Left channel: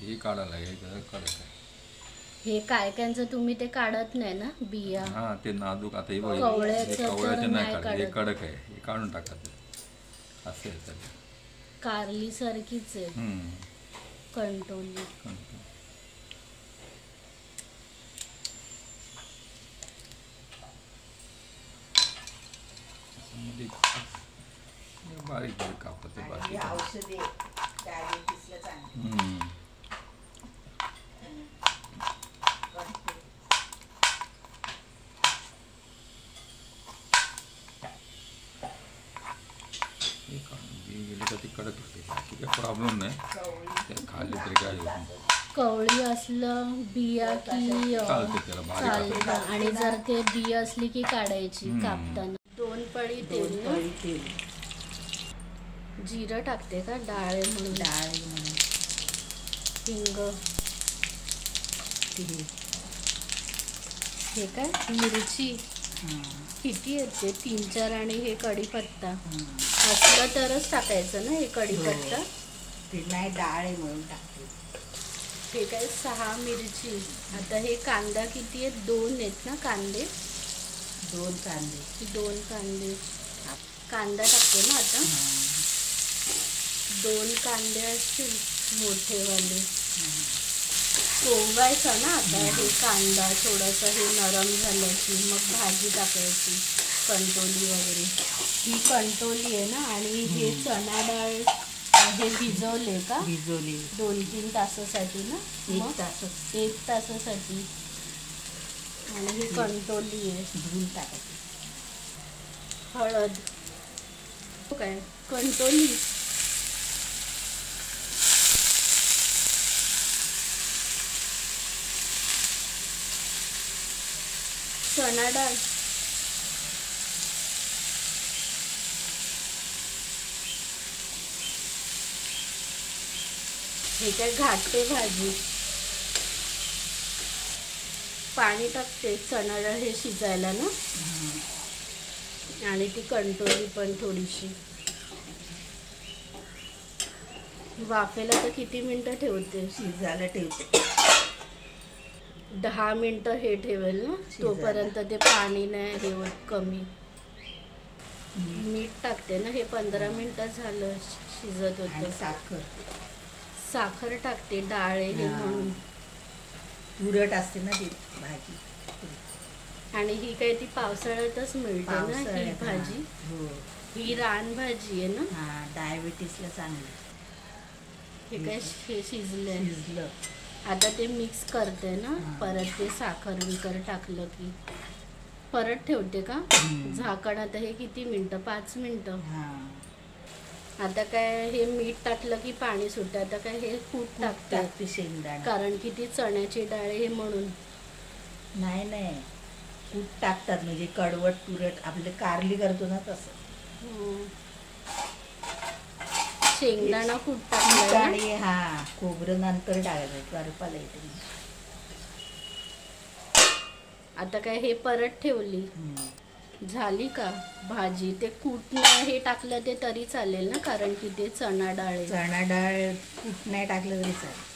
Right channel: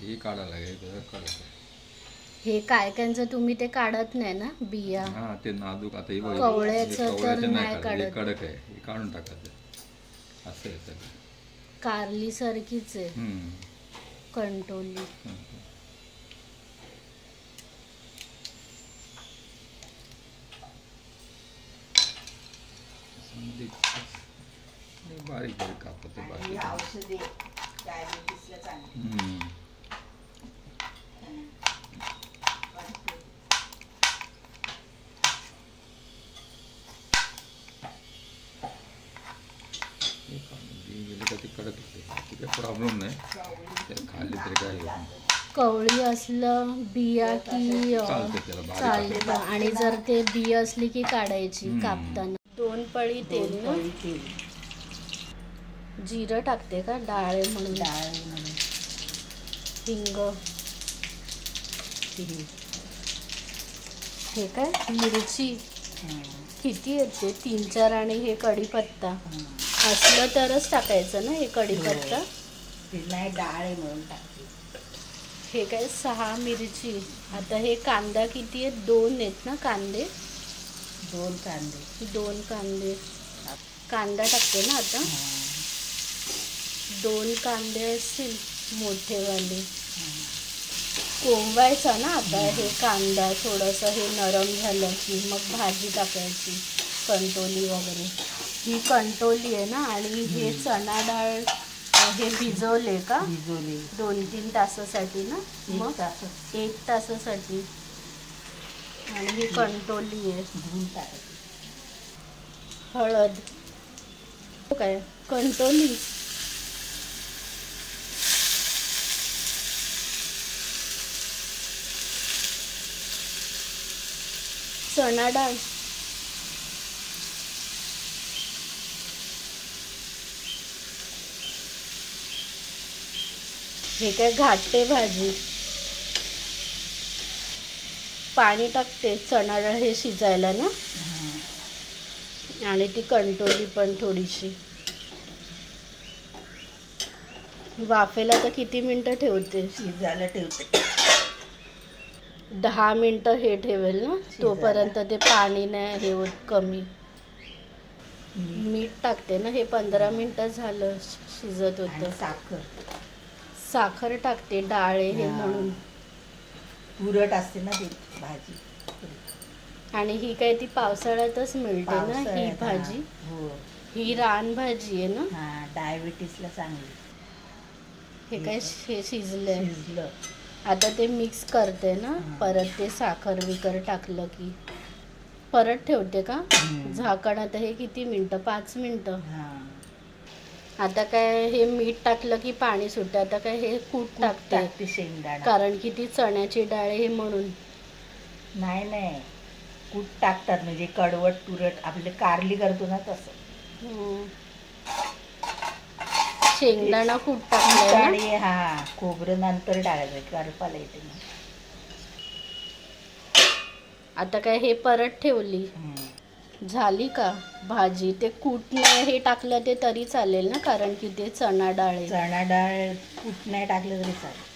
हे काढायला हे हे काय त्यांचं तुम्ही ते काढत नाही ना बिया? हा ते नाजूक आता कवळ्याचं तर नाही काढत. कडक आहे हे काढून टाकायचं असं आहे सगळं. कारली सारखीच आहे. कंटोली. बारीक बारीक कापायचं बारीक. औषधे डायबिटीसला चांगली. कडक होते प्रॉब्लेम नाही खाल्ली तरी काय होत नाही. कवळी असलं बिया की चालतं आणि जर ते बिया असली की काढायची कापताना. 2 पळी तेल ना. जिरं टाकते का? डाळ म्हणून. हिंग. हे काय मिरची किती येते? 3-4 आणि हे कढीपत्ता असलं तरच टाकायचं ना हे कढीपत्ता. नाही डाळ म्हणून टाकते. हे काय 6 मिरची. आता हे कांदा किती आहेत? 2 आहेत ना कांदे? 2 कांदे. 2 कांदे. कांदा टाकते ना आता. 2 कांदे असतील मोठेवाले. कोंबायचा ना आता हे कांदा थोडासा हे नरम झालं की मग भाजी टाकायची कंटोली वगैरे. ही कंटोली आहे ना. आणि हे चणा डाळ हे भिजवले का? भिजवले 2-3 तासासाठी ना. मग 1 तासासाठी. आणि ही कंटोली आहे. धुवून टाकायची. हळद. काय कंटोली. चणा डाळ. हे काय घाटते भाजी. पाणी टाकते चणा डाळ हे शिजायला ना. आणि ती कंटोली पण थोडीशी. वाफेला तर किती मिनटं ठेवते? शिजायला ठेवते 10 मिनटं हे ठेवेल ना. तोपर्यंत ते पाणी नाही हे होत कमी. मीठ टाकते ना. हे 15 मिनटं झालं शिजत होतं. साखर टाकते डाळ हे म्हणून. तुरट असते ना ती भाजी. आणि ही काय ती पावसाळ्यातच मिळते ना ही भाजी. ही रानभाजी आहे ना. डायबिटीसला चांगली. हे काय हे शिजलं. आता ते मिक्स करते ना. परत ते साखर विकर टाकलं की परत ठेवते का झाकण. आता हे किती मिनटं? 5 मिनटं. आता काय हे मीठ टाकलं की पाणी सुटतं. आता काय हे कूट टाकते शेंगदाणा. कारण की ती चण्याची डाळ हे म्हणून. नाही कूट टाकतात म्हणजे कडवट तुरट आपले कारली करतो ना तसं. शेंगदाणा कूट टाकलं. आणि खोबरं नंतर टाकायचं करपाला येते. आता काय हे परत ठेवली. झाली का भाजी? ते कूट नाही हे टाकलं ते तरी चालेल ना कारण की ते चणा डाळ कूट नाही टाकलं तरी चालेल.